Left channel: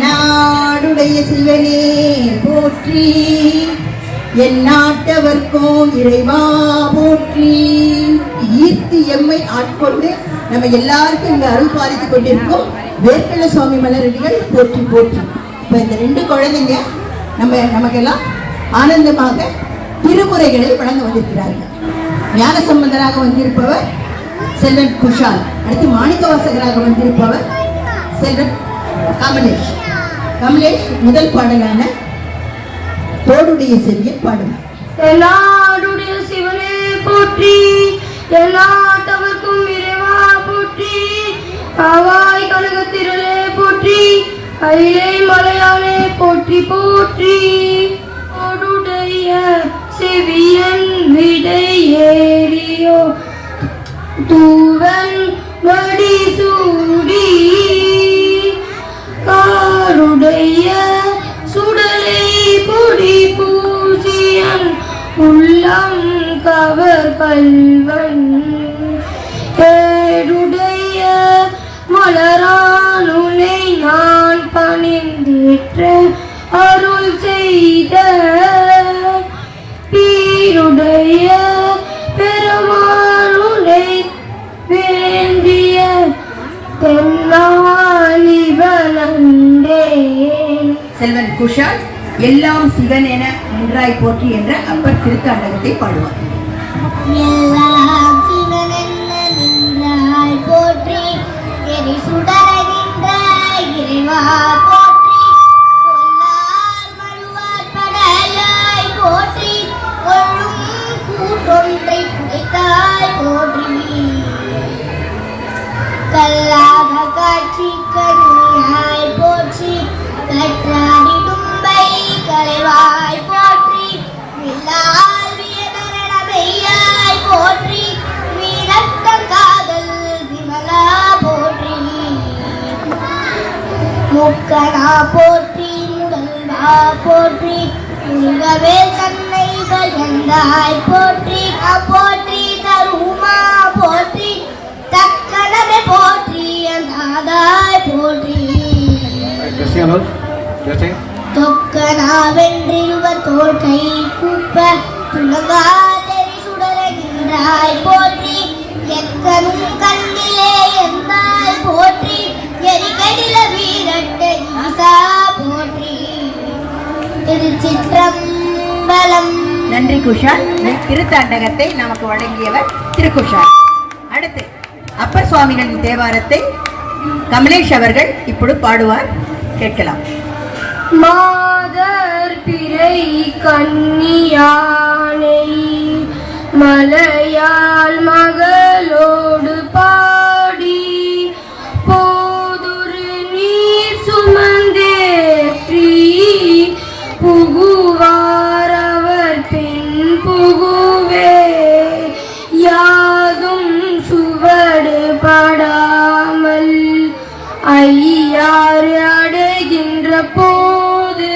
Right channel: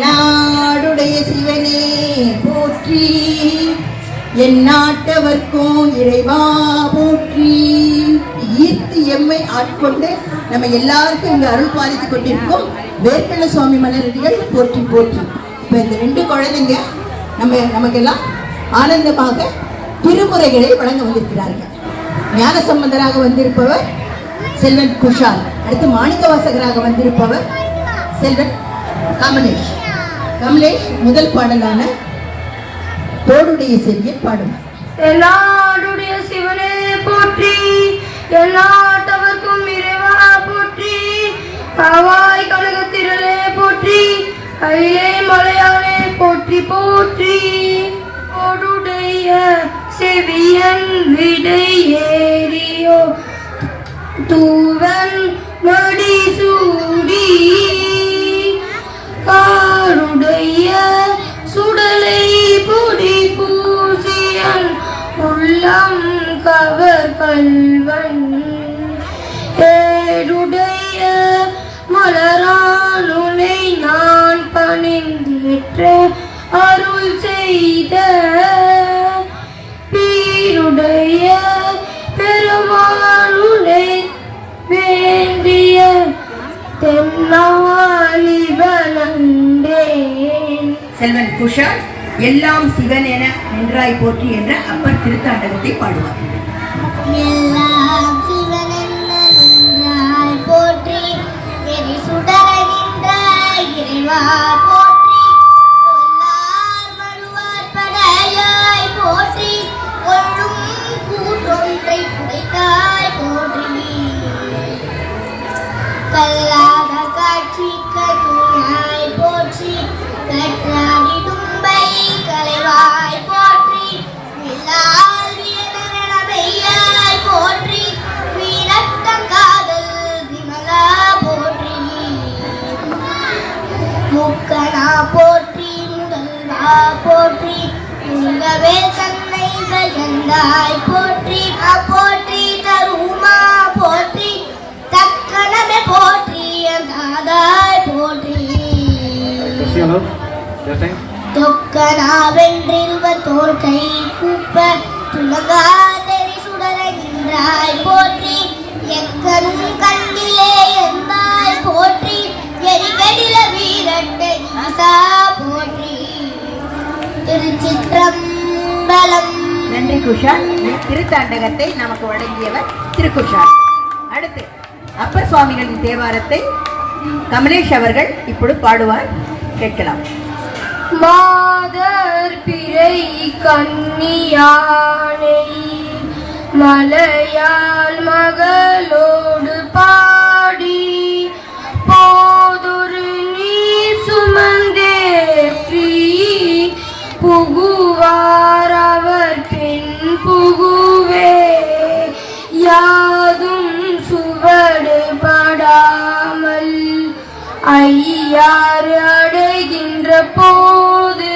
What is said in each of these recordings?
நாடுடைய சிவனே போற்றி, என் நாட்டவர்க்கும் இறைவா போற்றி. ஈர்த்தி எம்மை ஆட்கொண்டு நம்ம எல்லாருக்கும் இங்க அருள் பாலித்துக் கொண்டிருக்கும் வேர்க்கல சுவாமி மலரடிகள் போற்றி போற்றி. இப்ப இந்த 2 குழந்தைங்க நமக்கெல்லாம் ஆனந்தமாக திருமுறைகளை வழங்க வந்திருக்கிறார்கள். ஞான சம்பந்தராக வந்திருப்பவர் செல்வன் குஷால், அடுத்து மாணிக்க வாசகராக வந்திருப்பவர் செல்வன் கமலேஷ். கமலேஷ் முதல் பாடலான தோடுடைய செவியை பாடுவார். எல்லாருடைய சிவனே போற்றி, எல்லாத்தவர்க்கும் இறைவா போற்றி, காவாய் கனகத்திரளே போற்றி, கையிலே மலையாளே போற்றி போற்றி. தோடுடைய செவியன் விடை ஏறியோ தூவன் மடி சூடி, காருடைய சுடலை பொடி பூசியன் உள்ளம் கவர் கல்வன், ஏடுடைய மலரானுனை நான் பணிந்தேற்ற அருள் செய்த, பீருடைய பெருமானுனை வேண்டிய தென்னாலிவனன்றே. செல்வன் குஷால் எல்லாம் சிவன் என நின்றாய் போற்றி என்ற அப்பர் திருத்தாண்டகத்தை பாடுவார். எல்லாம் சிவன் என்ன நின்றாய் போற்றி, எரி சுடரகின்ற இறைவா போற்றி, சொல்லார் வருவார் படையாய் போற்றி, கொள்ளும் கூட்டொன்றை புடைத்தாய் போற்றி, கல்லாக காட்சி கருணாய் போற்றி, கற்றாடி தும்பை கலைவாய் போற்றி, வில்லால் போற்றி, வீரட்ட காதல் விமலா போற்றி, முக்கனா போற்றி, முதல்வா போற்றி, முருகவே தன்னை பயந்தாய் போற்றி, போற்றி தருமா போற்றி, தக்கனவே போற்றி, தாதாய் போற்றி, தொக்கனா வென்றிருவர் தோல் கை கூப்ப துலகா தெரி சுடரகின்றாய் போற்றி, எக்கனும் கண்ணிலே எந்தாய் போற்றி, எரிகடில வீரட்ட ஈசா போற்றி. திருச்சிற்றம்பலம். நன்றி குஷால். திருத்தாண்டகத்தை நமக்கு வழங்கியவர் திருக்குஷால். அடுத்து அப்பர் சுவாமிகளின் தேவாரத்தை கமலேஷ் அவர்கள் இப்பொழுது பாடுவார், கேட்கலாம். மாதர் பிறை கன்னியானை மலையாள் மகளோடு பாடி, போதொரு நீர் சுமந்தேற்றி, புகுவார் அவர் பின் புகுவே, யாதும் சுவடு படாமல் ஐயாறு அடைகின்ற போது,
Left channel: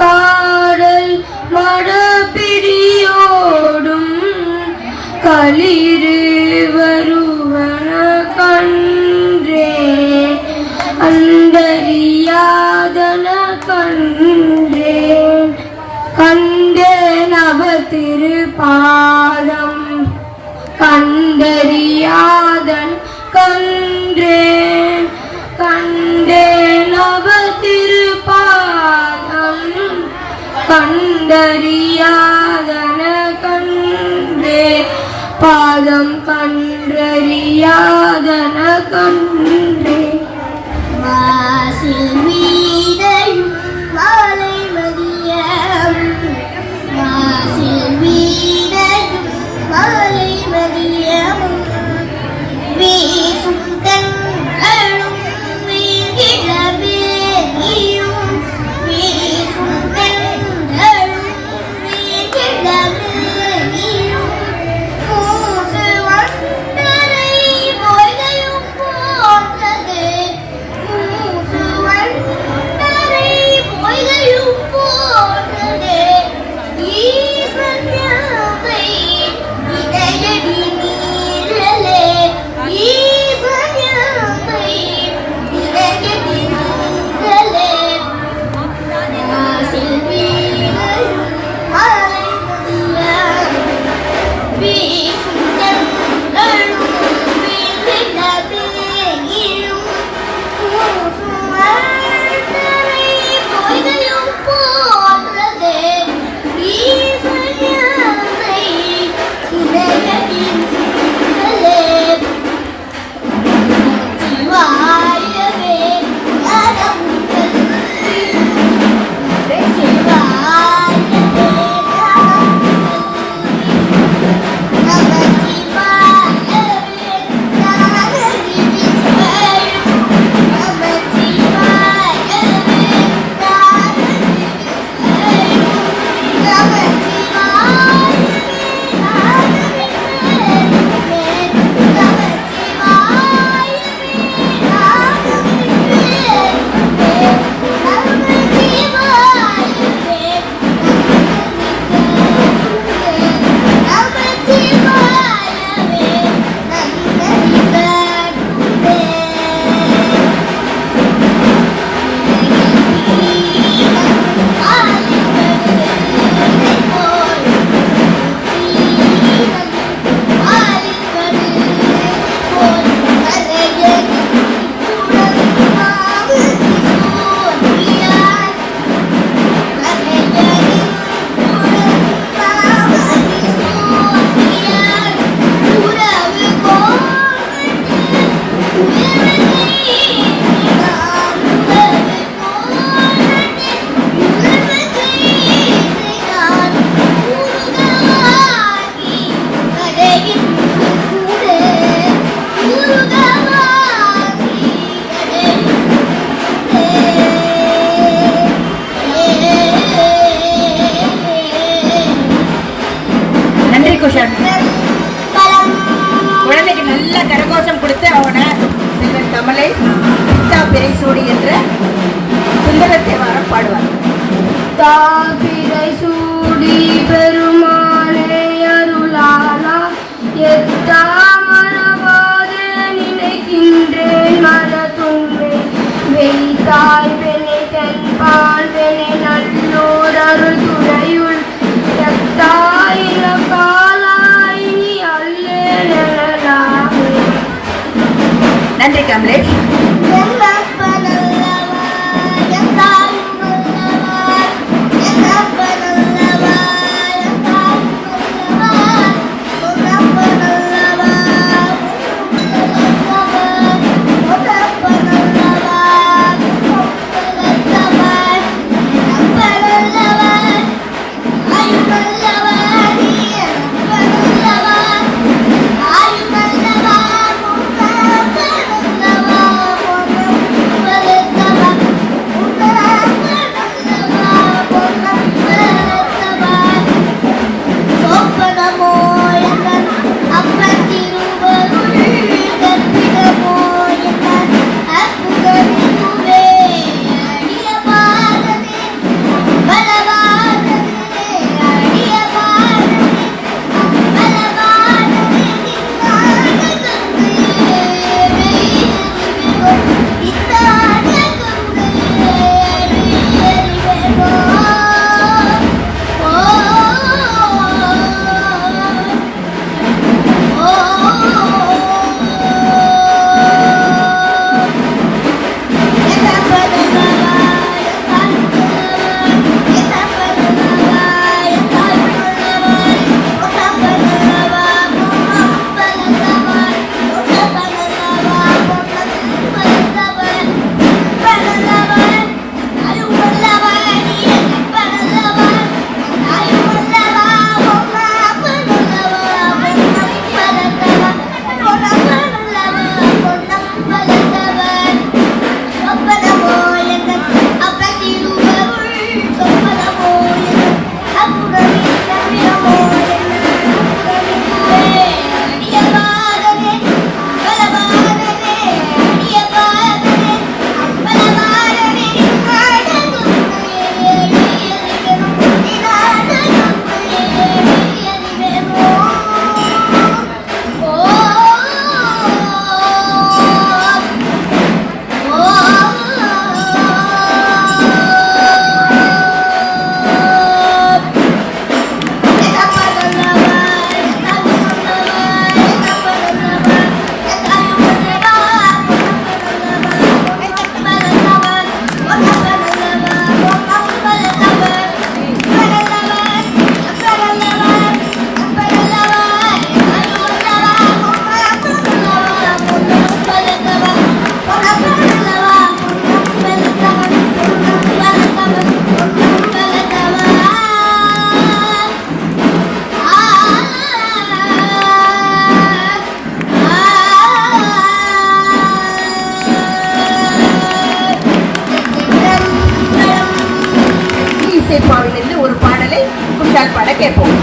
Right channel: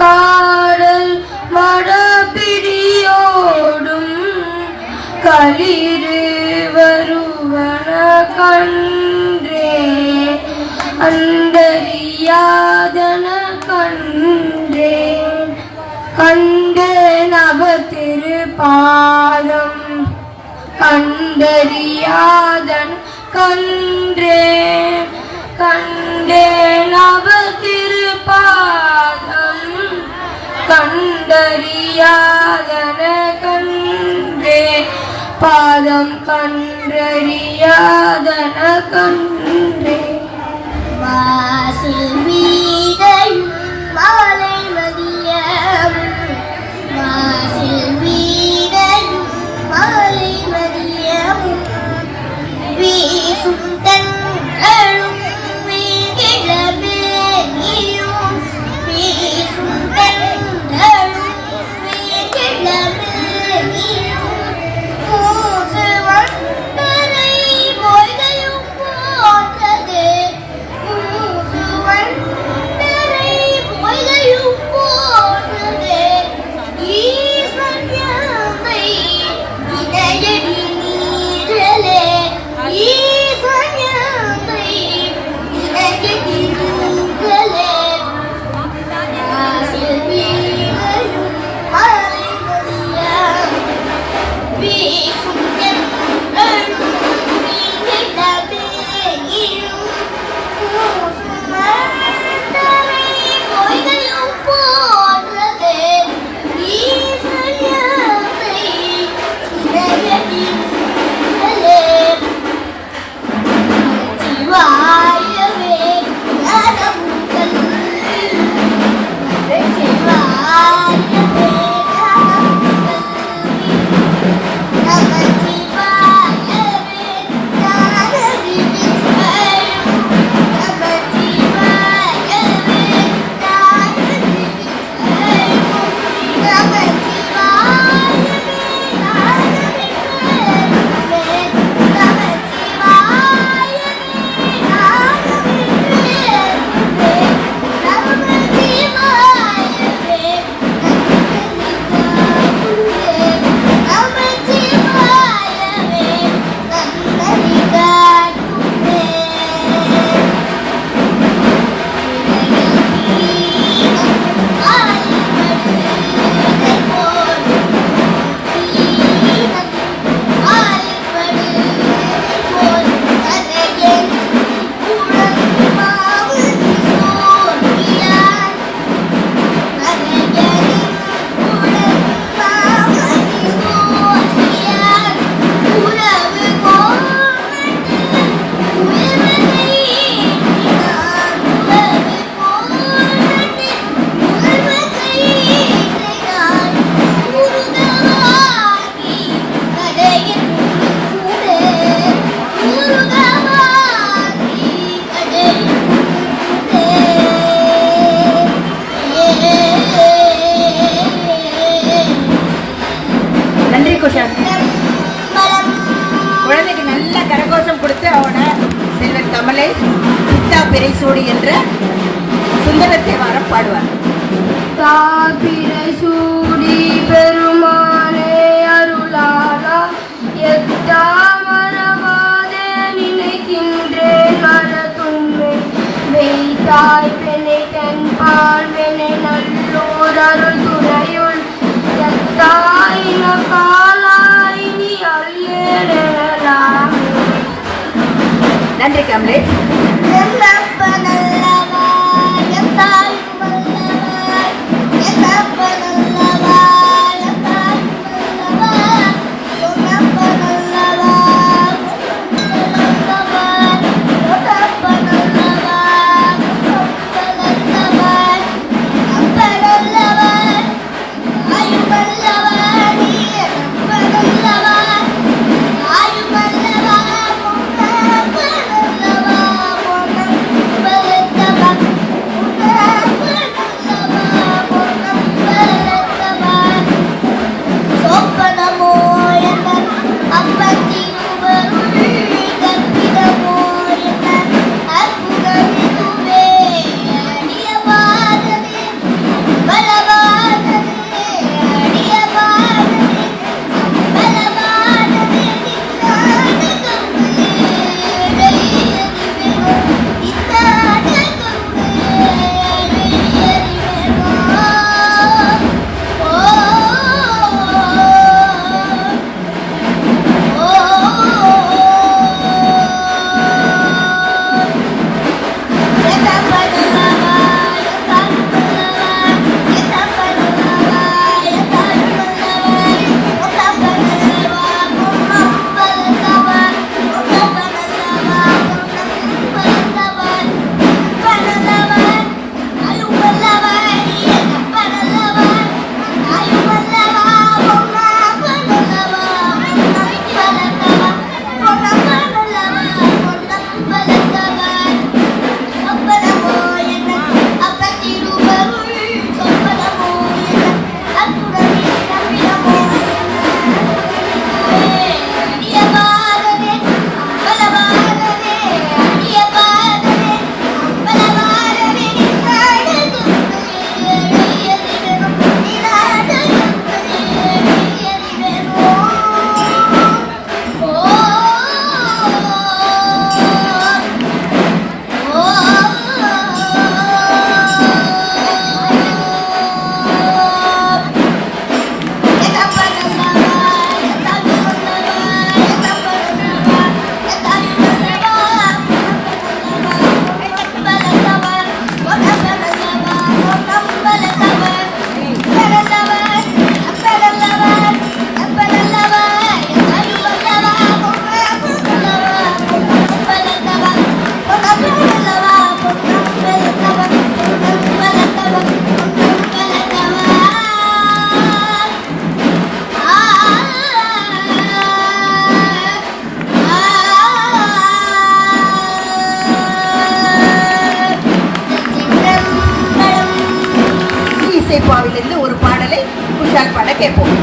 காடல் மடப்பிடியோடும் களிறு வருவன கன்றே, அந்தரியாதன கன்றே, கண்டேன் அவர் திருப்பாதம், கண்டறியாதன் கன்றேன், கண்டேன் அவர் திருப்பாதம், கண்டறியாதன கன்றே, பாதம் கன்றறியாதன கன்றே. வாசில் வீடையும் மாலை மதியம், வாசில் வீடையும் மாலை மதியம், வீசும் தென்றலும் வீழ்கிழமையும், வீசும் தென்றலும் வீழ்கிழமையும், மூசு வண்டரை பொய்கையும் போன்றது, மூசு வண்டரை பொய்கையும் தாய்வினை தென்பால் வினை நல்லூர் அருள் துறையுள் எத்தாயின காலாயினி அல்லேலாமே. நன்றி கமலேஷ். இசைப்பாவிலிருந்து ஒரு பாடலை குஷால் பாட கேட்போம்.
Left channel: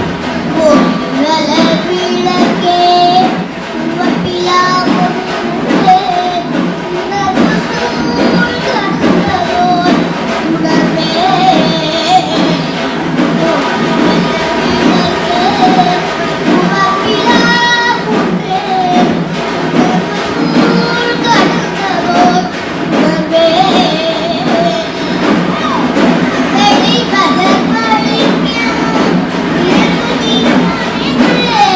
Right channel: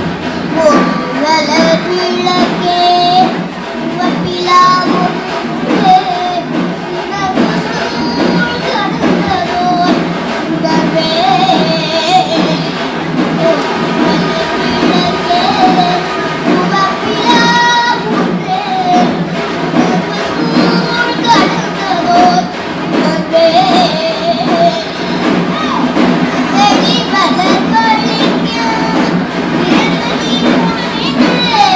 Yeah.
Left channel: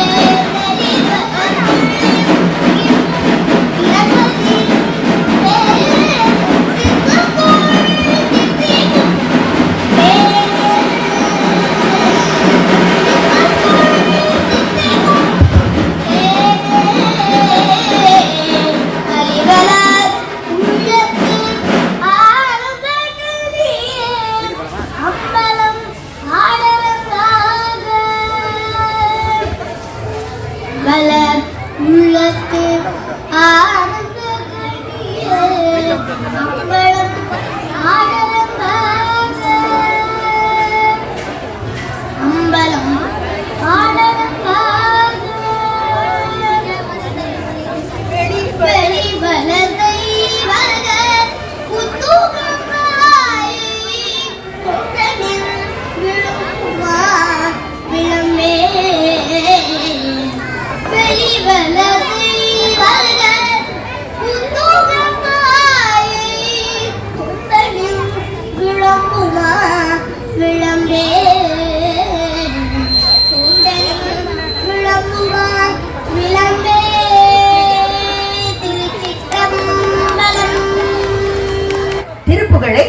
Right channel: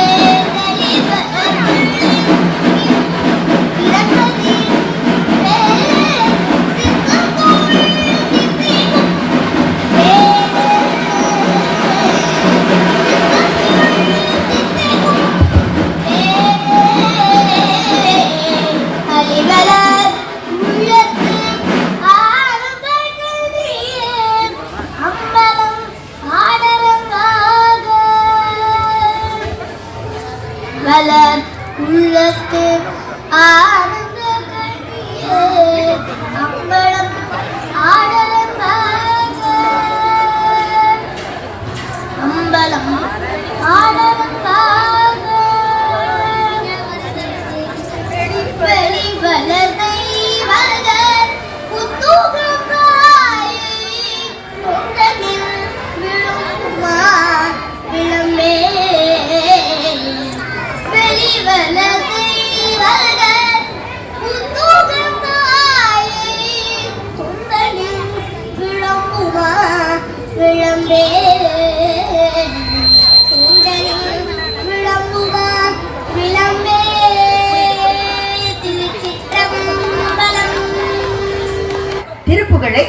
குறிப்புகளை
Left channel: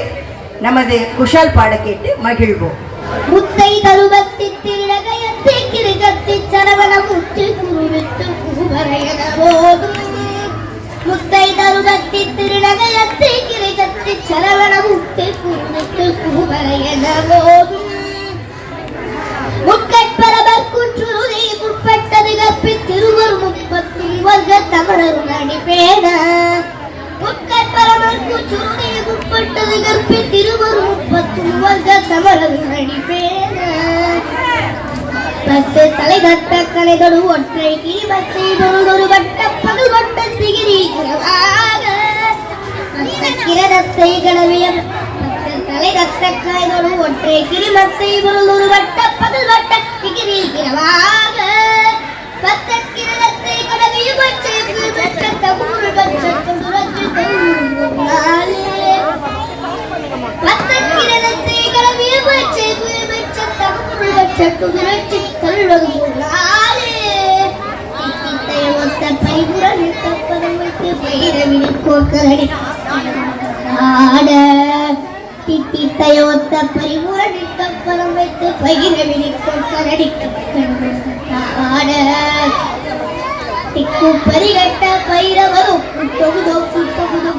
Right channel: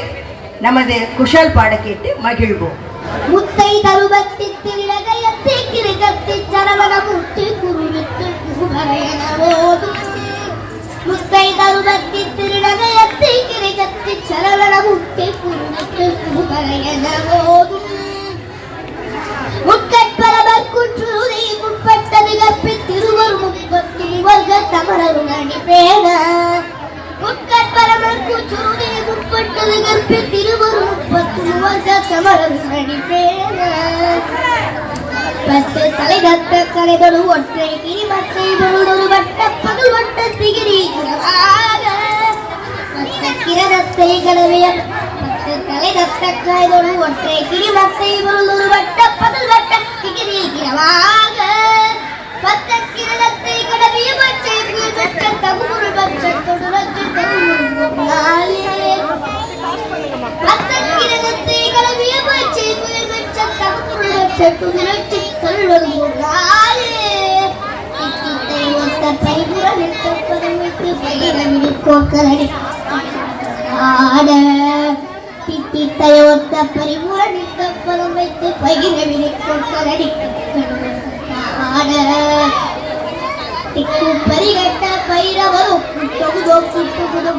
நமது குஷால் பாட கேட்டு மகிழ்வோம். முத்தை தருவத்தி திரகயத்தை கிருகத்தி சரவண முத்து குருவிட்டு குருவரையன போதும். முத்தை தருவத்தி திரகயத்தை கிருகத்தி சரவண முத்து குருவிட்டு குருவரையன போதும். முக்கட்பரவர் குற்றுதை முற்பட்டது கப்பி திருவர் முப்பத்தி வர்க்க தமரரும் அடிப்பேன. முக்கட்பரவர் குற்றுதை முற்பட்டது கப்பி திருவர் முப்பத்தி வர்க்க தமரரும் அடிப்பேன. பத்து தலை தத்த கலைதொரு ஒற்றை கிரிமத்தை பொருளொரு வட்ட பகல் வட்ட திகிரிக்கிறவாக கிரதத்தை கடவையம் தலை தத்த கலைதொரு ஒற்றை கிரிமத்தை பொருளொரு வட்ட பகல் வட்ட திகிரிக்கிறவாக பத்த கிரதத்தை கடவையம் பச்சை பச்ச தகுமுறை பச்ச தொடுரச்சு தொடுநாளே பத்த கிரதத்தை கடவையம் பச்சை பச்ச தகுமுறை பச்ச தொடுரச்சு தொடுநாளே இக்கித்தை ஒத்த பைபுரன் தப்பதம் வைத்து பைரவினி கோக்கலடி ஆட தித்தித்தை ஒத்த பரிபுரன் தப்பதம் வைத்து பைரவினி கோக்கலடி ஆட திக்கு பரிகட்ட பைரவரோ தொகுதோ தொகுதோ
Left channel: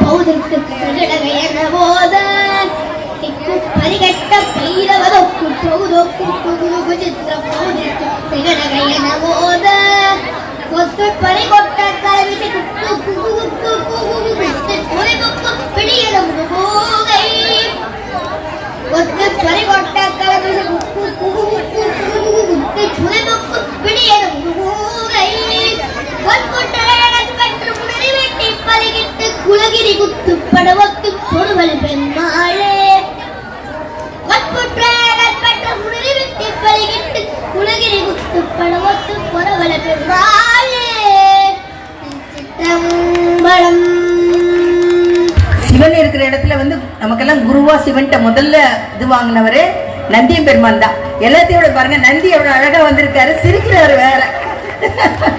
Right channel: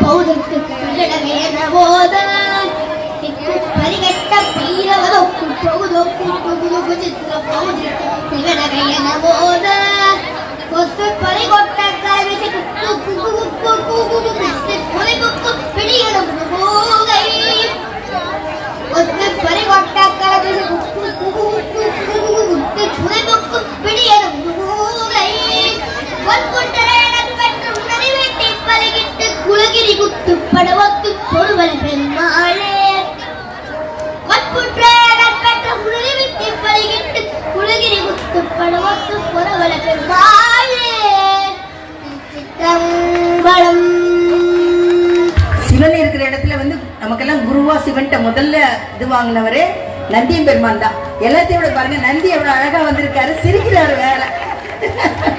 பௌதற்கு பிரகடகையன போத திக்கு பரிகட்ட பைரவரோ தொகுதோ தொகுதோ விசித்திர பௌதற்கு பிரகடகையன போத கொத்து பரிகொட்ட கலவிசி குக்கு குகு குகு குகு குகு குகு பிடியன முகோகை கொத்து பரிகொட்ட கலவிசி குக்கு குகு குகு குகு குகு பிடியன முகோகை குலகிரி குத்து படவத்து பொறுவல பெருமாளே குலகிரி குத்து படவத்து பொறுவல பெருமாளே. சிவன் இருக்கிற இடத்துல வந்து நமக்கெல்லாம் குருவா சிவன்ட்ட முதல்ல இது வாங்கினவரு நந்தியம் பெருமான் தான். எல்லாத்தையோட பாருங்க, நந்தி எவ்வளவு அழகா வந்திருக்காரு, சிரிக்கிறாரு வேற.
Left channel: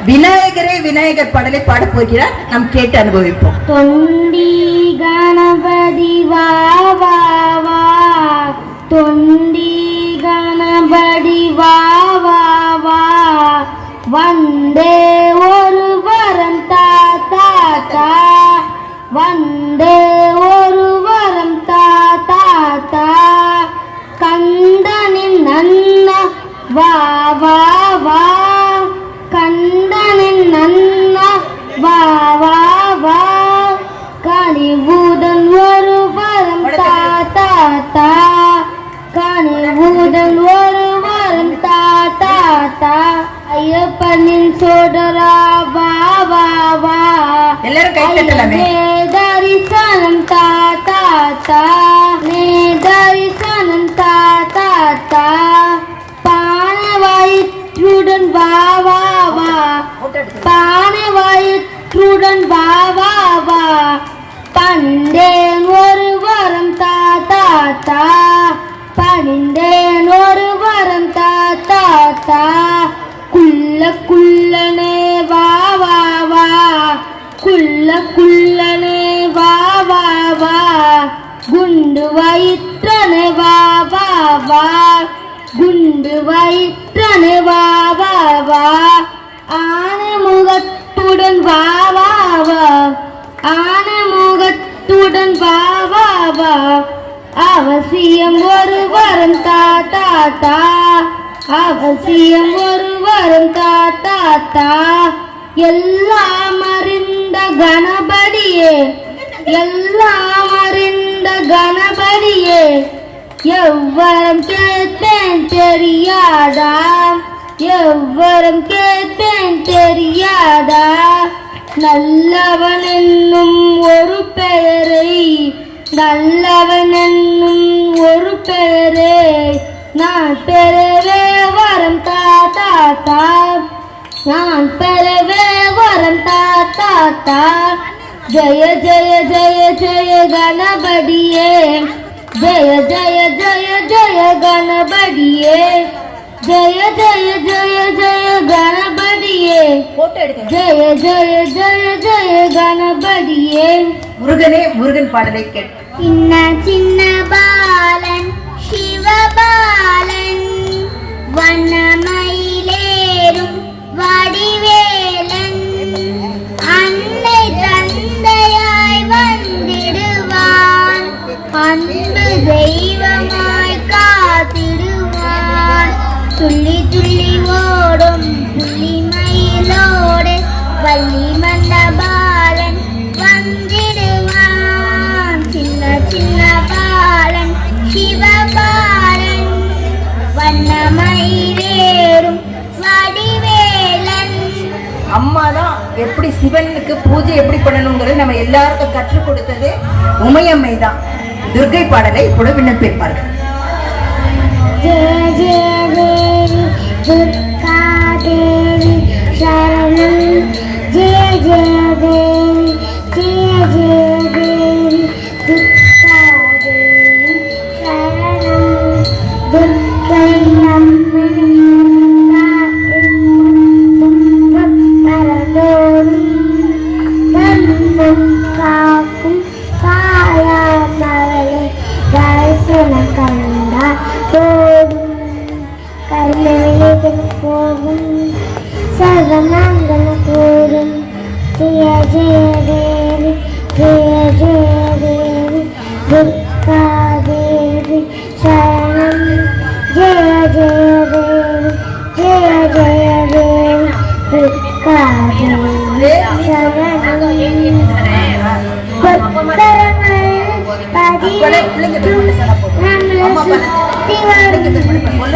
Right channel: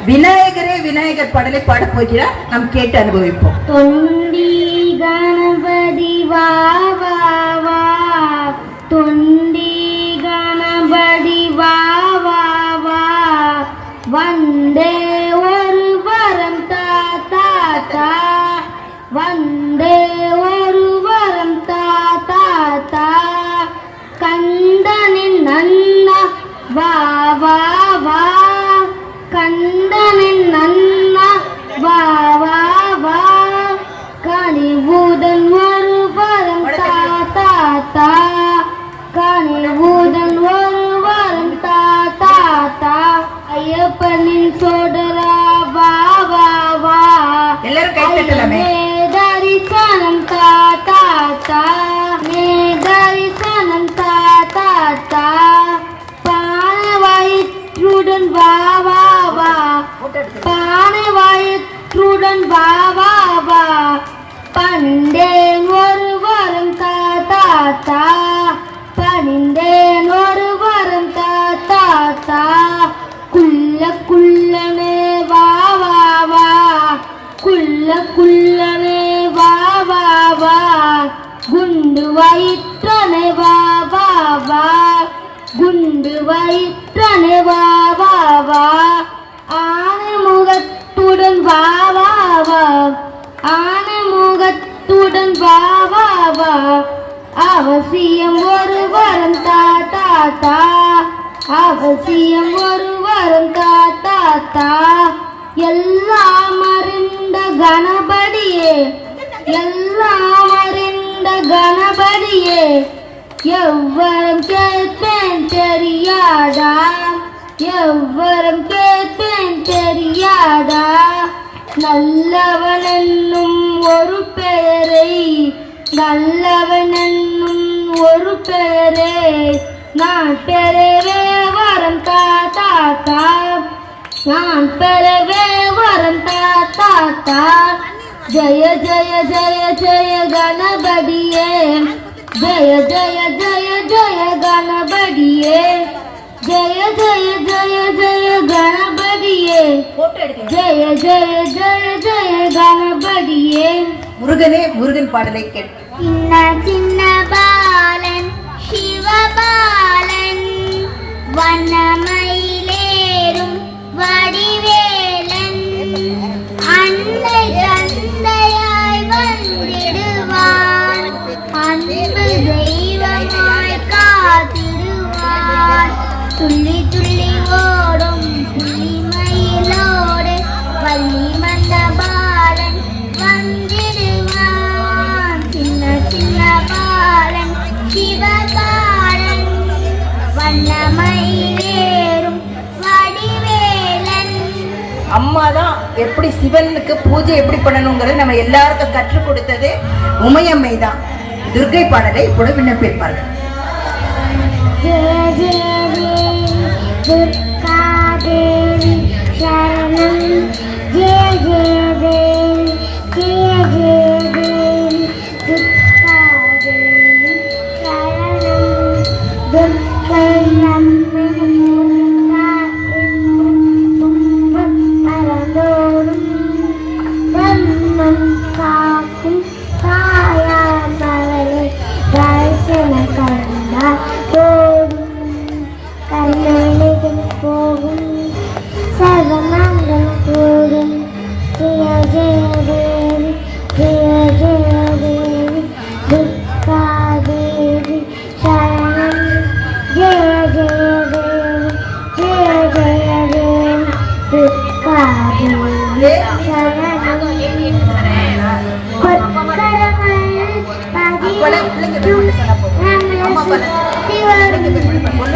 விநாயகரே விநாயகர் பாடலை பாட போகிறார், நாம் கேட்டு அனுபவிப்போம். தொண்டி கணபதி வா வா வா, தொண்டி கணபதி வா வா வா, வந்தே ஒரு வரம் தா தா தா, வந்தே ஒரு வரம் தா தா தா, கந்தனின் நன்ன வா வா வா, கண்டனின் நன்னா வா வா வா, கனிவுடன் ஒரு வரம் தா தா தா, கனிவுடன் ஒரு வரம் தா தா தா, ஐயப்பனின் சோதரா வா வா வா, எல்லாரும் கை தட்டலாமே. தரிசனம் தா தா தா, தரிசனம் தா தா தா, பானை வயிற்றுடன் வா வா வா, பானை வயிற்றுடன் வா வா வா, பணிந்தேன் ஒரு வரம் தா தா தா, பணிந்தேன் ஒரு வரம் தா தா தா, குள்ள குள்ளனே வா வா வா, குள்ள குள்ளனே வா வா வா, குண்டு வயிற்றனே வா வா வா, குண்டு வயிற்றனே வா வா வா, ஆனை முகத்துடன் வா வா வா, ஆனை முகத்துடன் வா வா வா, அவசியம் ஒரு வரம் தா தா தா, அவசியம் ஒரு வரம் தா தா தா, எல்லாம் அறிந்த கணபதியே, எல்லாம் அறிந்த கணபதியே, எவ்வரம் கேட்பேன் தெரியாதா, எவ்வரம் கேட்பேன் தெரியாதா, நல்லவன் என்னும் ஒரு பெயரை, நல்லவன் என்னும் ஒரு பெயரை நான் பெறவே வரம் தா தா தா, நான் பெறவே வரம் தா தா தா, ஜய ஜய ஜய ஜய கணபதியே, ஜய ஜய ஜய ஜய கணபதியே, ஜய ஜய ஜய ஜய கணபதியே, ஜய ஜய ஜய ஜய கணபதியே. முருகனே முருகன் பாடலை சின்ன சின்ன பாலன் சிவபாலன் வண்ணமயிலேறும் வடிவேலன் அன்னை தந்தையாய் வந்திடுவான் அன்பு தெய்வமாய் காத்திடுவான் துள்ளி துள்ளி ஓடும் புள்ளி மயிலோடு வள்ளி மந்த பாலன் வந்திடுவான் சின்ன சின்ன பாலன் சிவபாலன் வண்ணமயிலேறும் வடிவேலன். அம்மா தான் எப்படி சிவனுக்கு பூஜை எப்படி பண்ணணுங்கிறது நம்ம எல்லாருக்கும் கற்றுக் கொடுத்தது உமையம்மை தான். துர்க்கை பாடலை கூட விண்ணப்பிப்பார்கள். ஜெய ஜெய தேவி துர்கா தேவி சரணம் ஜெய ஜெய தேவி ஜெய ஜெய தேவி துர்கா தேவி சரணம் துர்க்கை நம்மை மறந்தோடும் தன்னம் காக்கும் காயாமலை தரிசனம் கண்டா போகும் கர்மவினைகள் போகும் சர்வமங்கள போகும் ஜெய ஜெய தேவி ஜெய ஜெய தேவி துர்கா தேவி சரணம் ஜெய ஜெய தேவி ஜெய ஜெய தேவி துர்கா தேவி சரணம் கொத்தரங்கள் பதித்தும் நம்மளை சுத்தி வரும்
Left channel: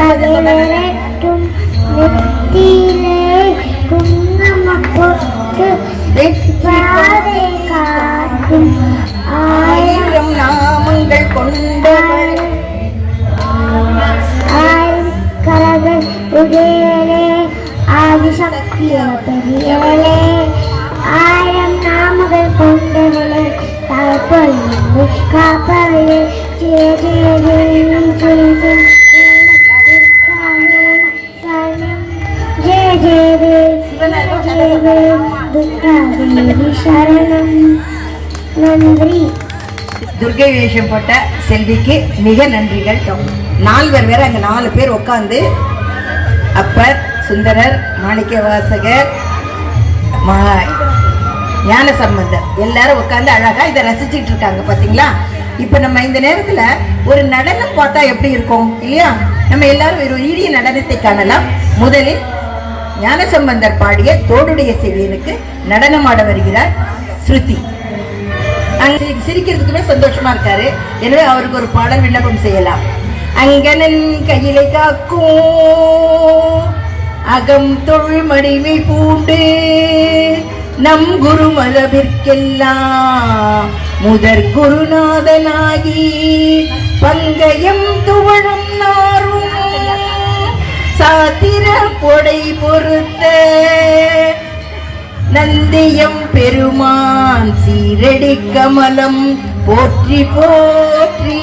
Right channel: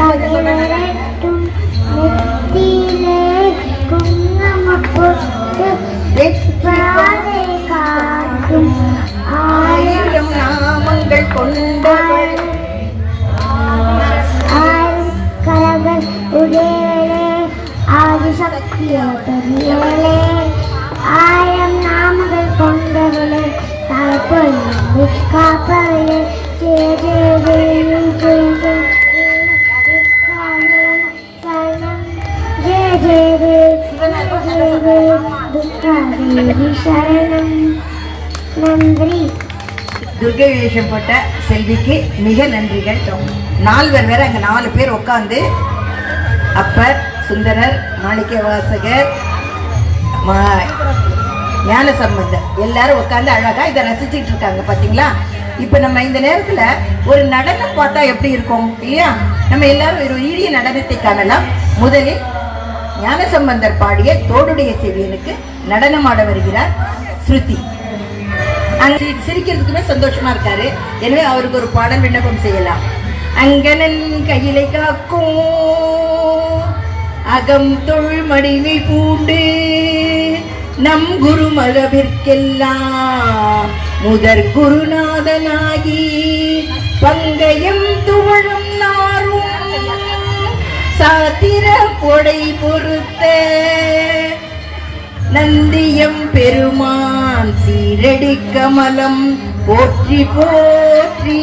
பதினெட்டும் நெத்தியிலே குங்குமம் போட்டு பாதை காட்டும் ஆயிரம் நாமங்கள் கொண்டவள் ஆயிரக்கரங்கள் உடையவளே ஆதிசக்திய பெரியவளே ஆயிரம் நாமங்கள் கொண்டவளே தாய்ப்பொழுது காப்பவளே ஜெய ஜெய தேவி ஜெய ஜெய ஜெய ஜெய தேவி துர்கா தேவி சரணம். நன்றி. துர்கை வேஷம் போட்ட செல்விக்கு மிக நன்றிகள். 4 பேர் வேற அங்க 4 பேர் உட்காந்து அப்பர் சுந்தரர் மாணிக்க வாசகர் ஞான சம்பந்தர் எல்லாரும் உட்காந்து அழகா இதை ரசிச்சுட்டு இருக்காங்க பாத்தீங்களா. இப்ப நம்ம இந்த நேரத்துல ஒரு நடனம் பார்த்தா எப்படி இருக்கும் இல்லையா? நம்ம எல்லாரும் ஒரு ஈடிய நடனத்தை காணலாம். முதலில் ஞானசம்பந்தர் பாடிய தோடுடைய செவியனுக்கு நடனமாட வருகிறார் ஸ்ருதி. சிரிக்கிறதுக்குமே சந்தோஷமா இருக்காரு. எனவே அவருக்கு ஒரு பாடல் விண்ணப்பம் செய்யலாம். அங்கனன் கையிலை காக்கும் அகம் தொழு மடிவை பூண்டு நம் குரு மரபிற்கெல்லாம் முதற் குருநாதனாகி பங்கயம் துவழும் நாரும் சாத்திர கொடை பொறுத்த நந்தியம் பெருமான் சீரடி கமலம் போற்றி போற்றி.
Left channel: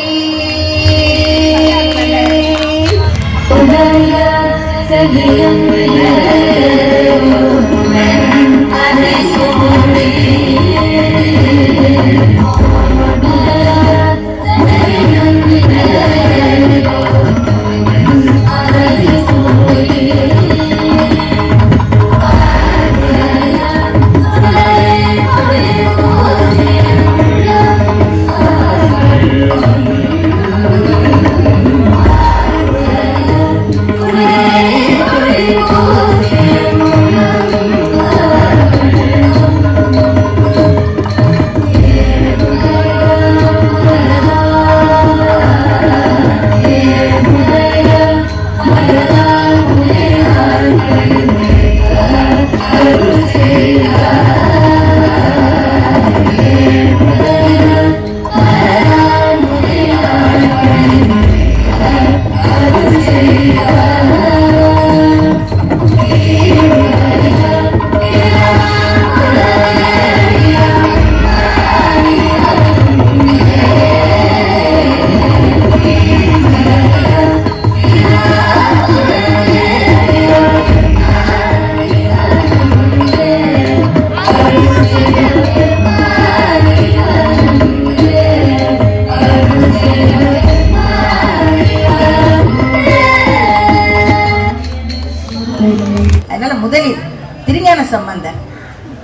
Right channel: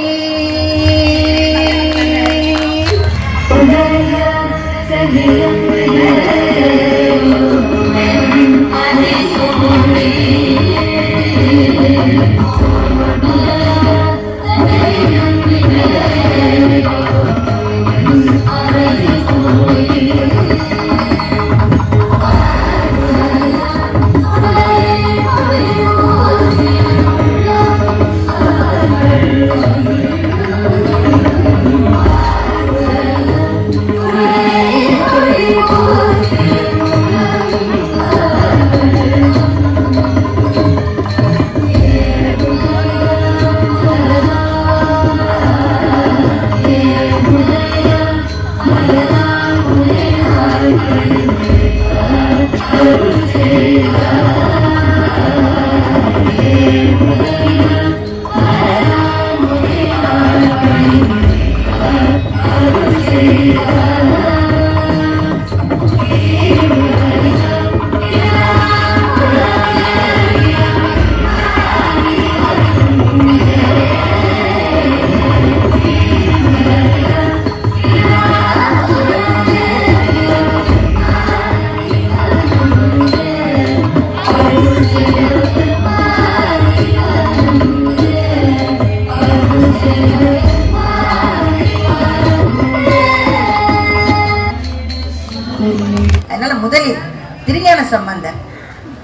சம்பந்தர்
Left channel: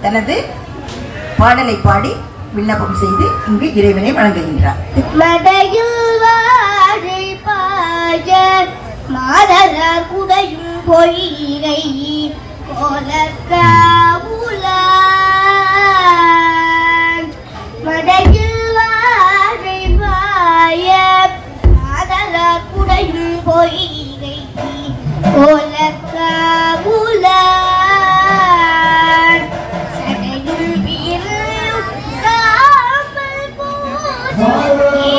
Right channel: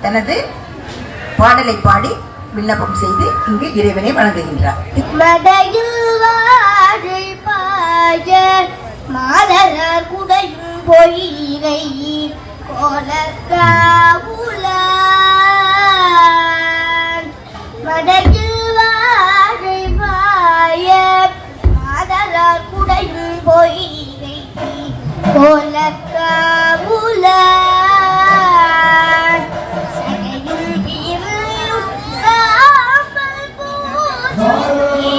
தனது பாடலை பாடி விண்ணப்பம் செய்து இங்கு இறைவனை வணங்குகின்றார். மாதர் குடையும் பொய்கை கோலக்காவுல மடையில் வாழை வாய மாதர் குடையும் பொய்கை கோலக்காவுல சடையும் பிறரும் காமல் போதி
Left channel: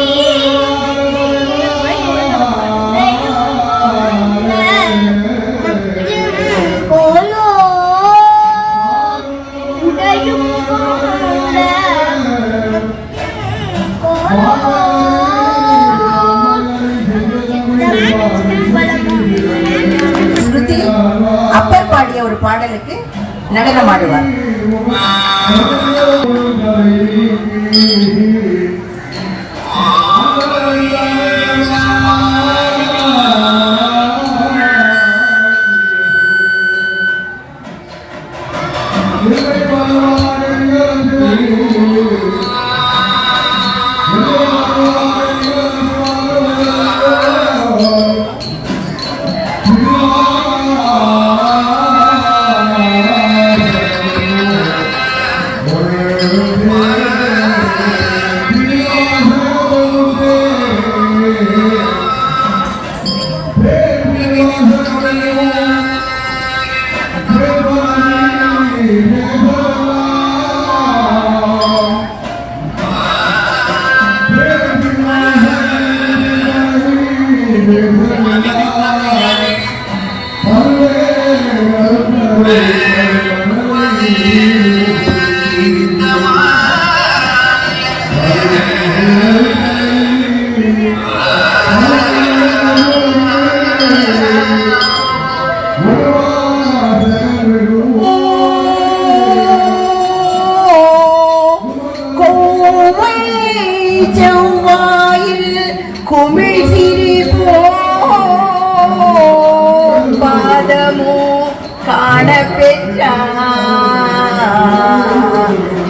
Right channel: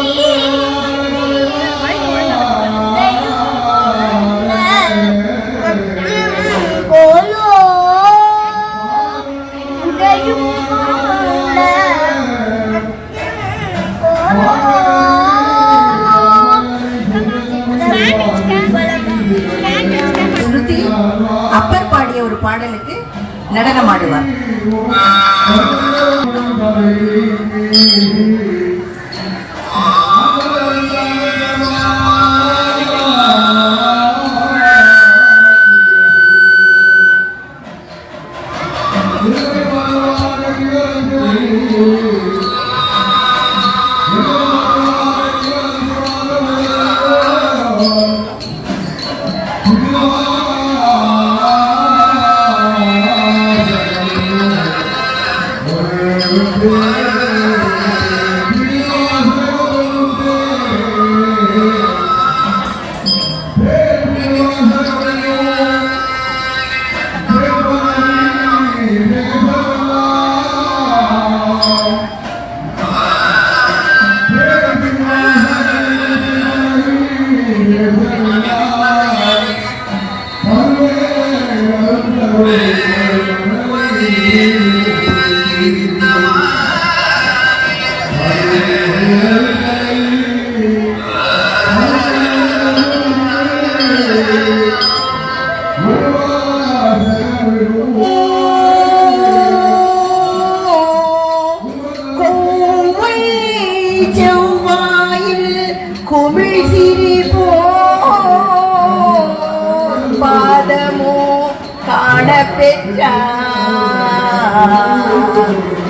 ஸ்ருதி அப்பர் பாடிய ஒரு பாடலுக்கு நடனம் ஆடுவார்.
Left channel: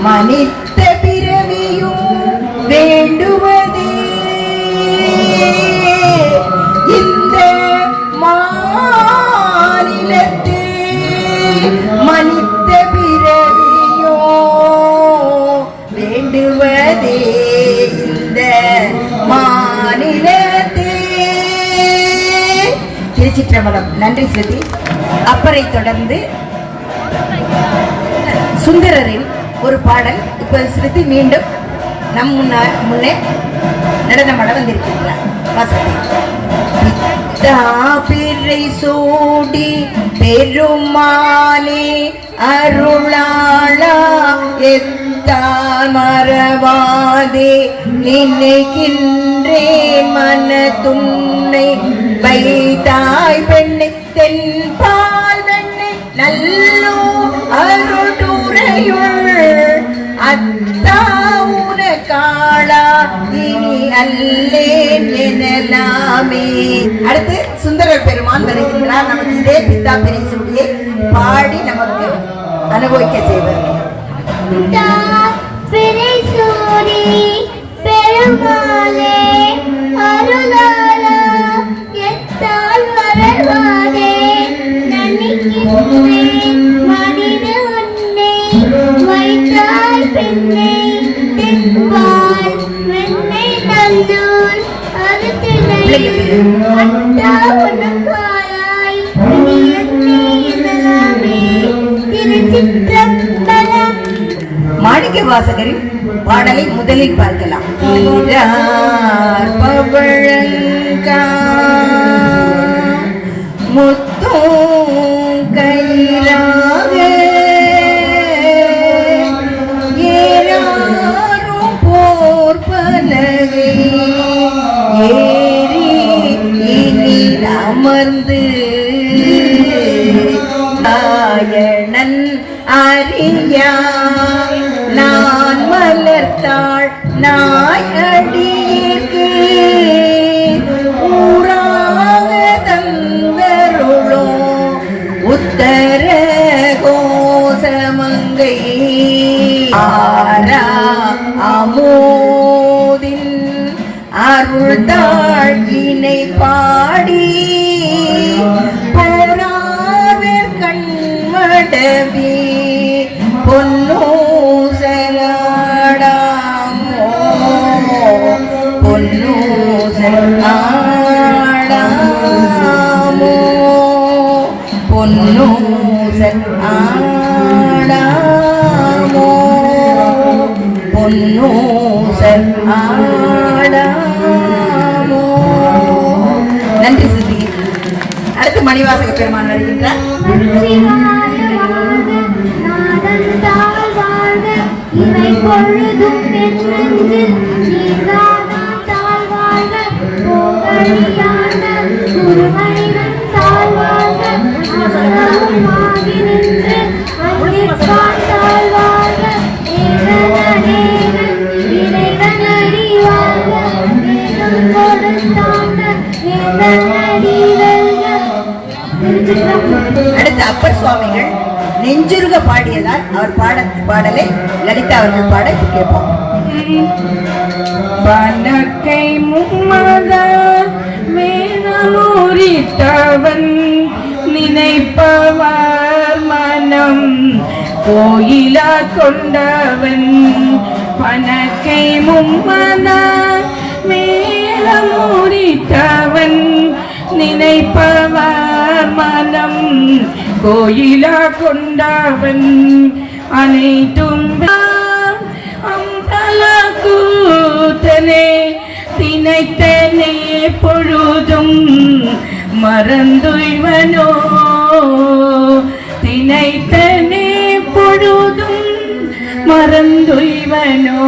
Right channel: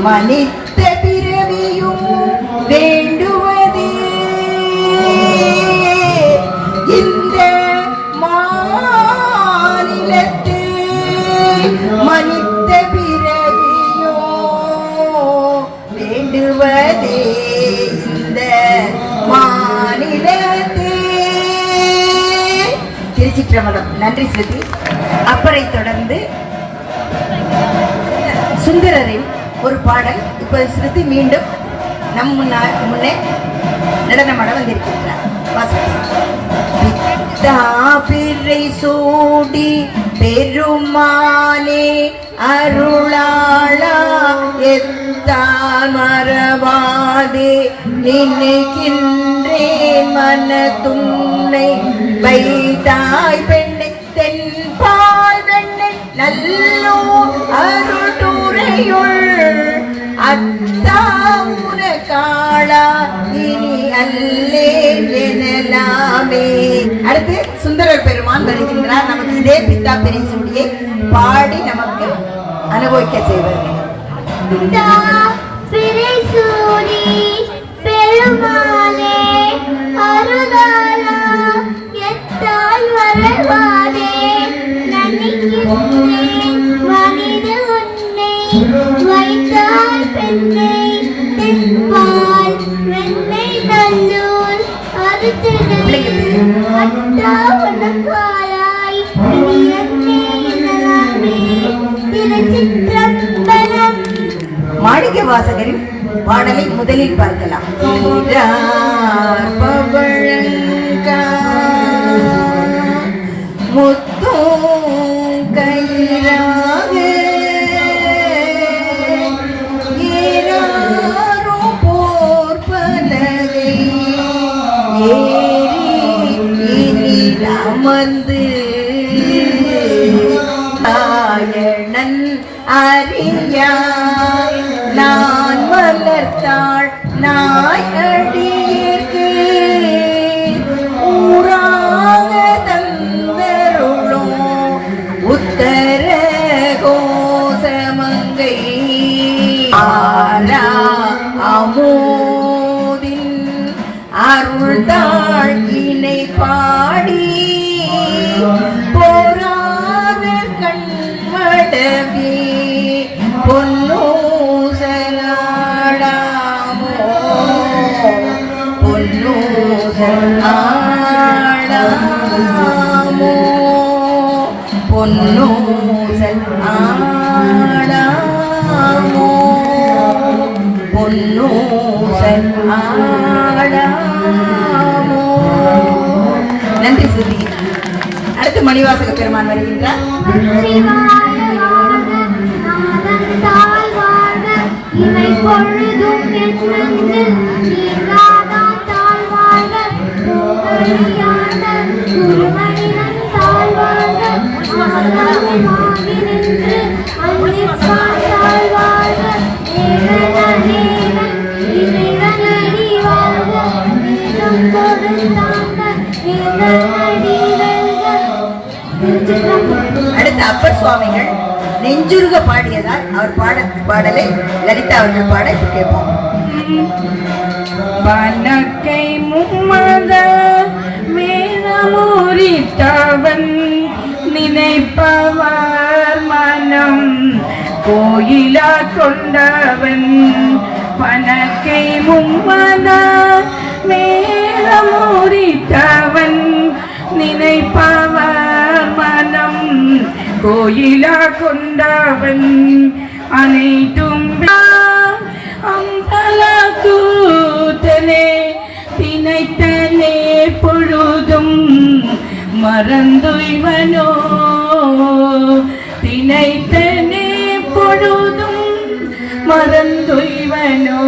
மனித பிறவியும் வேண்டுவதே இந்த மாநிலத்தே மனித பிறவியோ வேண்டுவதே இந்த மாநிலத்தே. திருச்சிற்றம்பலம். நன்றி ஸ்ருதி. அப்பரை தொடர்ந்து சுந்தரரின் ஒரு பாடல் இப்ப ஸ்ருதி மீண்டும் நம் முன்னே நடனமாட வந்திருக்கின்றார். பிறை சூடி பெருமானே அருளாளா எத்தான் மறவாதே நினைக்கின்றேன் மன துன்னை வைத்தாய் பெண்ணை தென்பால் வெண்ணை நல்லோ அருளுரையுள் அத்தாவுன காளா இனி அல்லேன் எனலாமே. அடுத்து சுந்தரர் பெருமான் வருகின்றார். நமக்கு இதே பித்தா பெரிய சூடியை பாடி நமக்கு அனுபவிக்க செய்வார். பெருமாளே அருளாளா எத்தால் வரவாதே நினைக்கின்றேன் மனித உன்னை வைத்தால் பெண்ணை தென்பால் வெண்ணை நல்லூர் அறுத்தினை அட்டா உனக்காளாய் என்னை எனலாமே. திருச்சிற்றம்பலம். மாணிக்க வாசகரின் பாடலை முதலில் பார்க்கலாம். முத்தும் கயிறாக ஏறாரும் போர் பலவே ஏறி அமர்ந்து தாயணன் அறியா நான் மலர்த்தாள் நாய் அடிக்கு ஊராக தந்தருளோ உத்தர கோச அருள் தாழ்கினை பாடி போராத கண்மடவி பொன்னூசலாடாமோ பொன்னூசலாடாமோ பொன்னூசல் ஆடாமோ பொன்னூசல் ஆடாமோ. நன்றி சுதி. அடுத்து மணிவாசக பெருமான் வருகின்றார். இவை பொழுதும் என் நெஞ்சில் நீங்காதான் தாழ்வாழ்க புகழியான குருவனிடம் தாழ்வாழ்க ஆகி நின்று அன்னிப்பால் தாழ்வாழ்க ஏகனேகன் இறைவனடி வாழ்க வேதம் கொடுத்தான வேதனடி வெல்க. அடுத்த அப்பர் சுவாமிகள் நெஞ்சுருக பாடியதால் அவர் பாடலை லலிதா அவர்கள் பாட இப்ப கேட்போம். பனக்கை மும்மத மேனமுரித்தவன் நினைப்பவர் மனம் கோயிலா கொண்டவன். பனக்கை மும்மத மேனமுரித்தவன் நினைப்பவர் மனம் கோயிலா கொண்டவன். அனைத்தும் அம்பல கூத்தனே தினைத்தனே பொழுதும் மறந்துய்வனோ தினைத்தனே பொழுதும் மறந்துய்வனோ.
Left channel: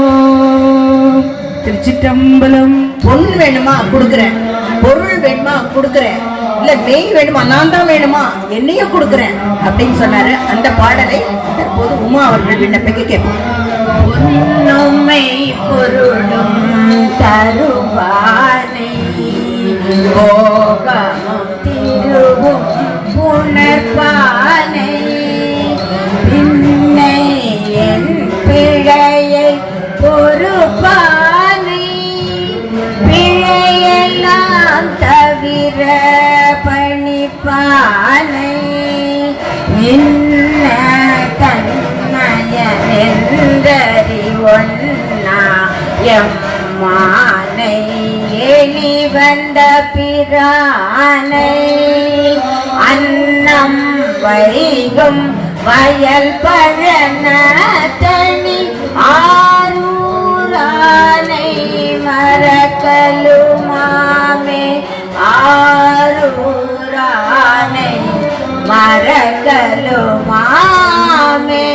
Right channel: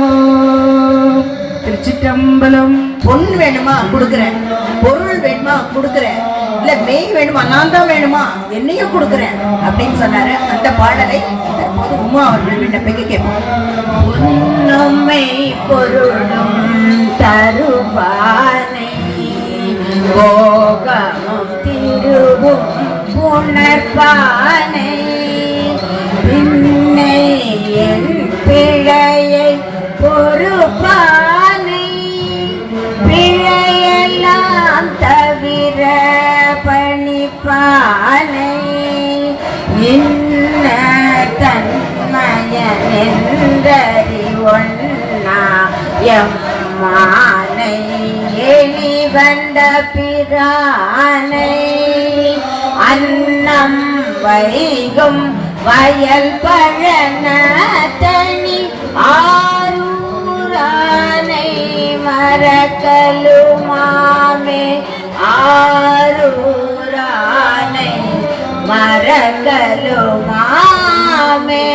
திருச்சிற்றம்பலம். பொன் வேணுமா கொடுக்குறேன், பொருள் வேணுமா கொடுக்குறேன், இல்ல மெய் வேணுமா நான் தான் வேணுமா என்னையும் கொடுக்குறேன் அப்படின்னு சொன்னாரு. அந்த பாடலை தற்போது உமா அவர்கள் விண்ணப்பிக்க கேட்போம். பொன்னுமை பொருளும் தருவானை போகமும் திருவும் புணர்பானை பின்னை என் பிழையை பொறுப்பானை பிழையெல்லாம் தவிர பணிப்பானை இன்ன தன்மயனென்றறிவொன்னா எம்மானை எலி வந்த பிரானை அன்னம் வைகும் வயல் பழன தனி ஆரூரானை மறக்கலுமாமே ஆரூரானை மறக்கலுமாமே.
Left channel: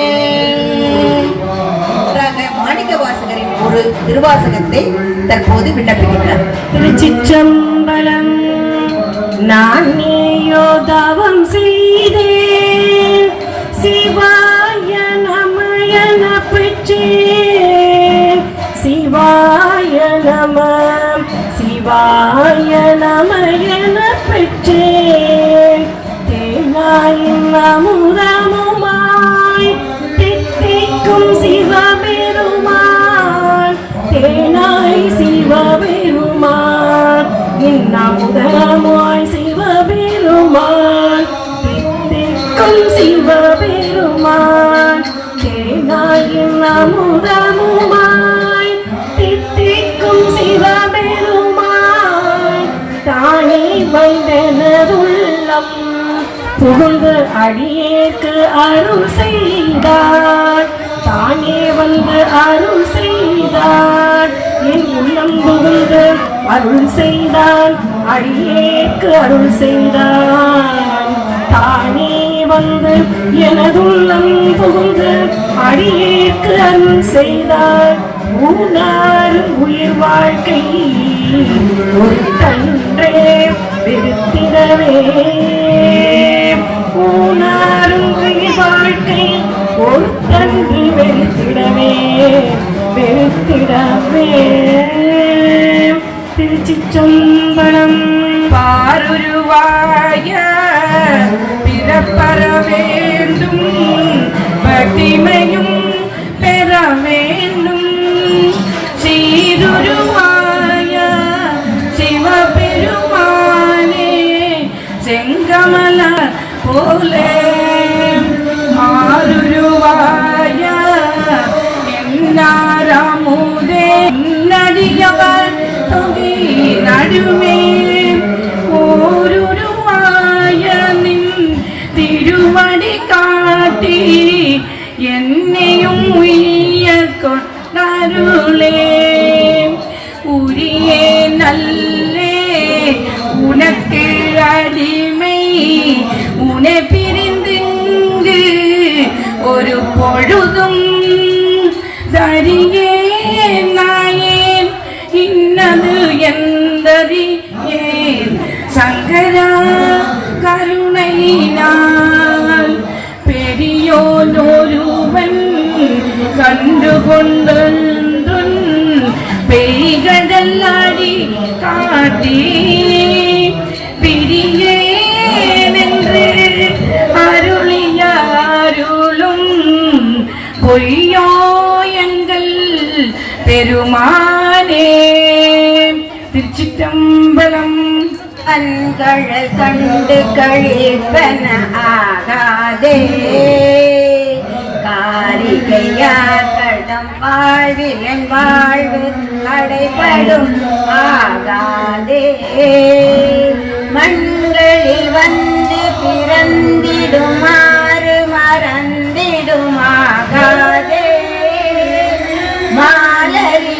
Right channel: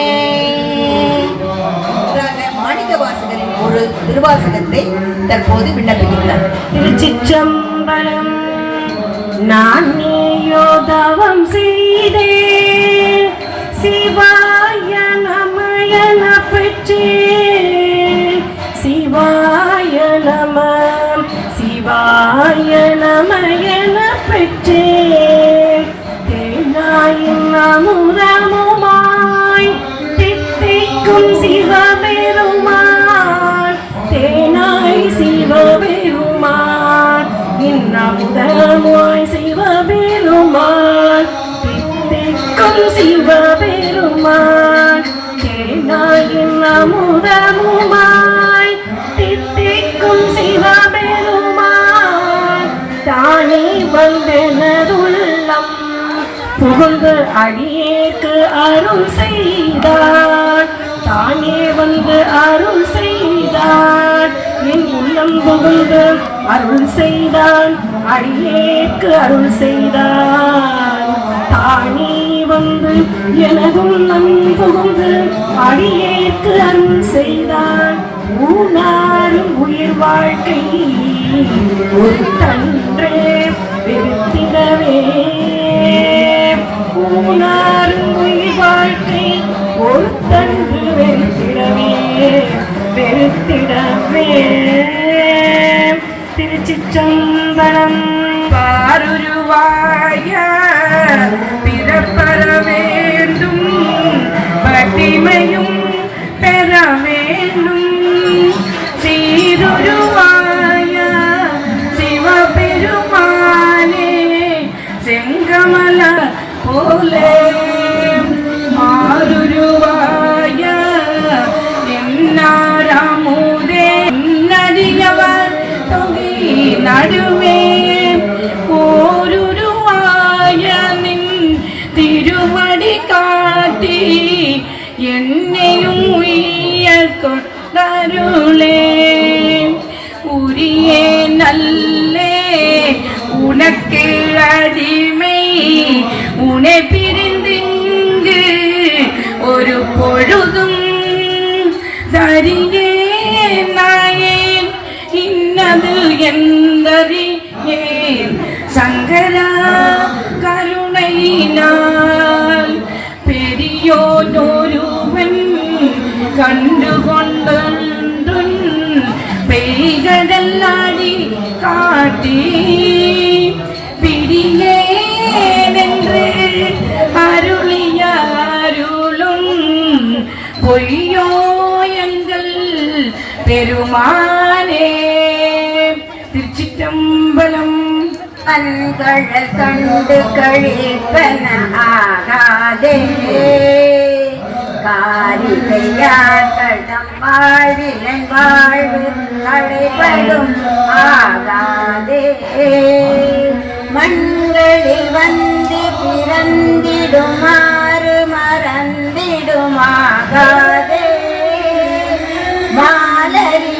மாணிக்க வாசகரின் ஒரு திருவாசகத்தை தற்போது விண்ணப்பிக்கின்றார். திருச்சிற்றம்பலம். நான் ஏயோ தவம் செய்தேன் சிவாய நமயன பெற்றேன் சிவாய நம சிவாய நமயன பெற்றேன். தேனாயின் அமுதமுமாய் தித்திக்கும் சிவபெருமான் தேனாய் சிவபெருமான் என் அமுதமாய் சிவபெருமான் தித்திக்கும் சிவபெருமான் தேனாயின் அமுதமுமாய் தித்திக்கும் சிவபெருமான் தானே வந்தனதுள்ளம் புகுந்து அடியேற்கு அருள் செய்தார் தானே வந்து அருள் செய்தார் என் உள்ளம் புகுந்து அருள் செய்தான் அடியேற்கு அருள் செய்தான் தானே வந்து எனதுள்ளம் புகுந்து அடியேற்கு அருள் செய்தான். ஊனாரும் உயிர் வாழ்க்கை ஒரு தன்றே வெறுத்திடவே ஊனாரும் உயிர் வாழ்க்கை ஒரு தன்று வெறுத்திடவே வெறுத்திடவே. திருச்சிற்றம்பலம். பாருருவாய பிறப்பற வேண்டும் பட்டிமையும் பெற வேண்டும் சீருருவாய கொண்டொழுந்துன் பெய்கடல்லாடி காட்டி பிடியேனென்று அருளியாருளும் பொய்யோ எங்கள் பெருமானே. திருச்சிற்றம்பலம். கண்கள் கண்டு கழிப்பன ஆகாதே காரிகையார்கள் தம் வாழ்வில் என் வாழ்வு தடைபடும் ஆகாதே. மண்களில் வந்து பிறந்திடுமாறு மறந்திடுமாகாதே. மாலரியாமலர்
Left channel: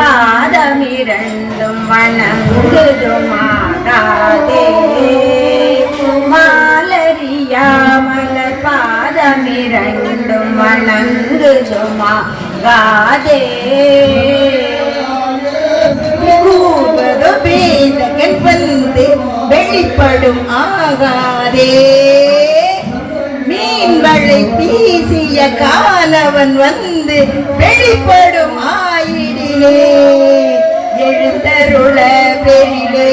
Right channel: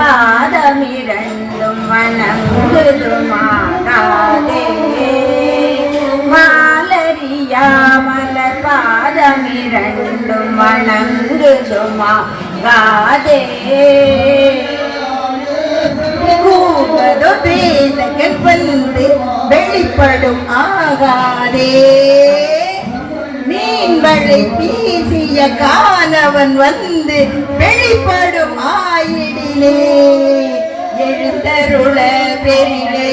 பாதமிரண்டும் வணங்குதுமாகாதே. மாலரியாமலர் பாதமிரண்டும் வணங்குதுமாகாதே. கூடதோ பேதங்கள் வந்து வெளிப்படும் ஆகாதே. மீன்களை வீசிய காலவன் வந்து வெளிப்படும் ஆயிடிலே. எழுந்தருள பெரிலே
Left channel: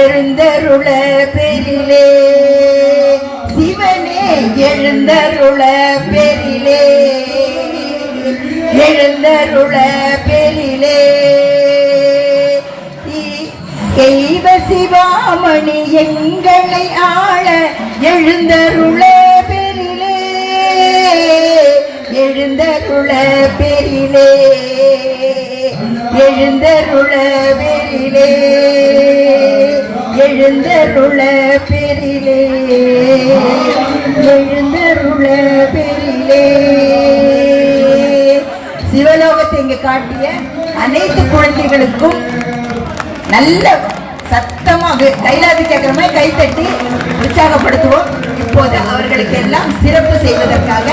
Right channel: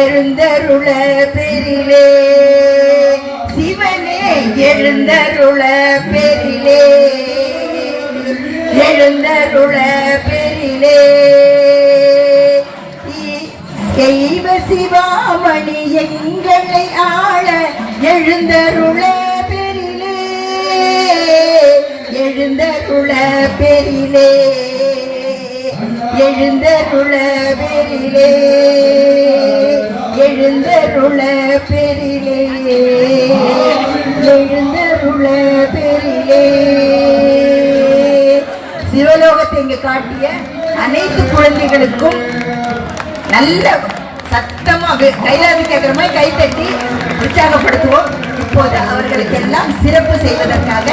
எழுந்தருள பெரிலே. சிவனே எழுந்தருள பெரிலே எழுந்தருள பெரிலே. தெய்வ சிவாமணி எங்களை ஆள எழுந்தருள பெரிலே எழுந்தருள பெரிலே எழுந்தருள பெரிலே எழுந்தருள பெரிலே எழுந்தருள பெரிலே. சிவலோகத்தை இங்கு காட்டிய அனைத்து குழந்தைகளுக்கும் நல்ல சத்தமாக கைலாதி கேட்கிற மாதிரி கைத்தட்டி உற்சாகப்படுத்துவோம். இப்போது அவர்களுக்கு எல்லாம் சிறப்பு செய்வதற்காக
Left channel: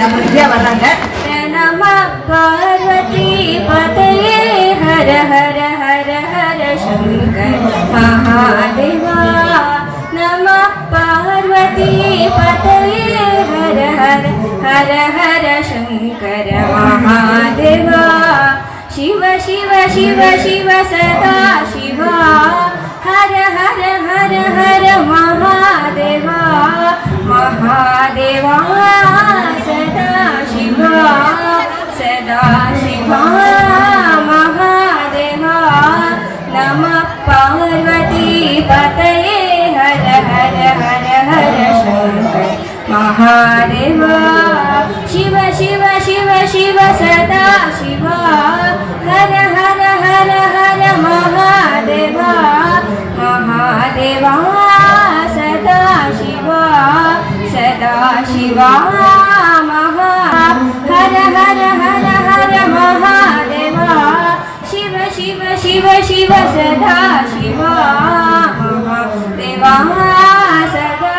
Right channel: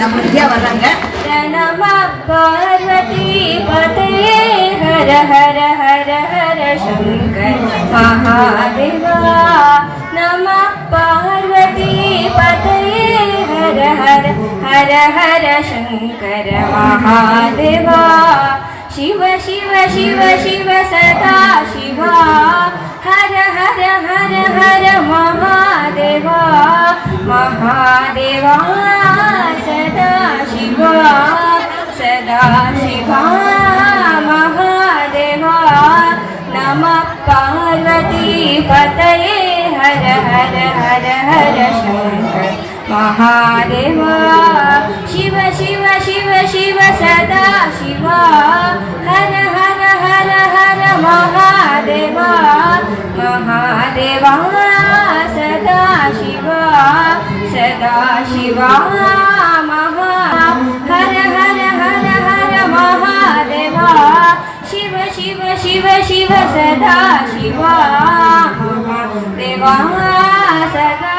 நம்ம ஐயா வர்றாங்க. நம பார்வதி பதயே ஹர ஹர ஹர ஹர சங்கர் மகாதேவா. நம பார்வதி பதயே ஹர ஹர ஹர ஹர சங்கர மகாதேவா. शिव शिव शिव शिव सदा शिवा हर हर हर हर महादेवा. महादेवा सदा शिवा महादेवा. नमः पार्वती पतये हर हर हर हर शंकर महादेवा. शिव शिव शिव शिव सदा शिवा हर हर हर हर महादेवा. महादेवा सदा शिवा महा हर हर हर हर महादेवा. शिव शिव शिव शिव सदा शिवा महादेवा सदा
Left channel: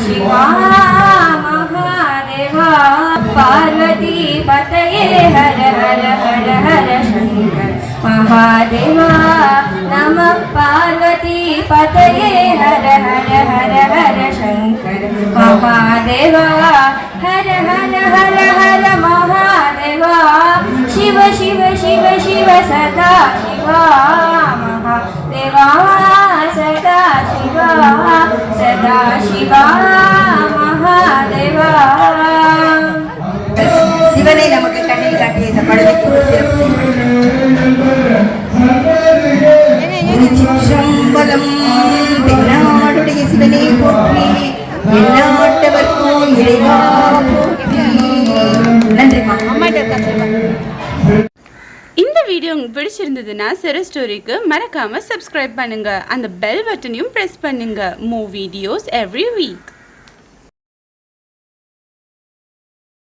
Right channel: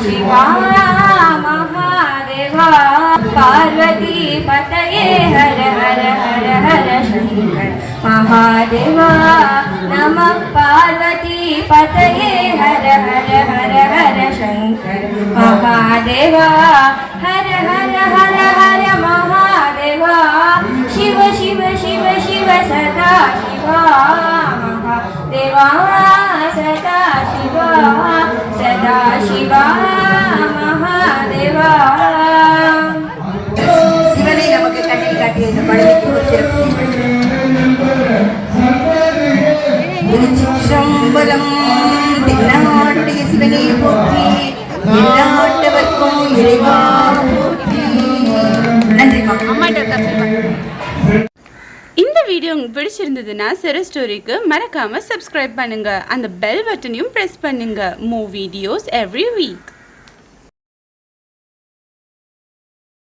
शिवा महादेवा. पार्वती पतये हर हर हर हर शंकर महादेवा. नमः पार्वती पतये हर हर हर हर शंकर महादेवा. हर हर हर हर महादेवा. शिव शिव शिव शिव सदा शिवा महादेवा सदा शिवा महादेवा. சிவனை நமக்கு கண்ணில் காட்டிய இந்த படலுக்கு ஒரு சிறப்பு. திருச்சிற்றம்பலம். தென்னாடுடைய சிவனை போற்றி எந்நாட்டவர்க்கும் இறைவா போற்றி. நன்றி. இந்த வீடியோ உங்களுக்கு பிடிச்சிருந்ததுன்னா சிறு ஸ்டோரிக்கு மறக்காம சப்ஸ்கிரைப் பண்ணுங்க. அந்த பெல் பட்டனையும் பிரஸ் பண்ணுங்க. மூ வீடியோஸ் எவ்ரி வீக்.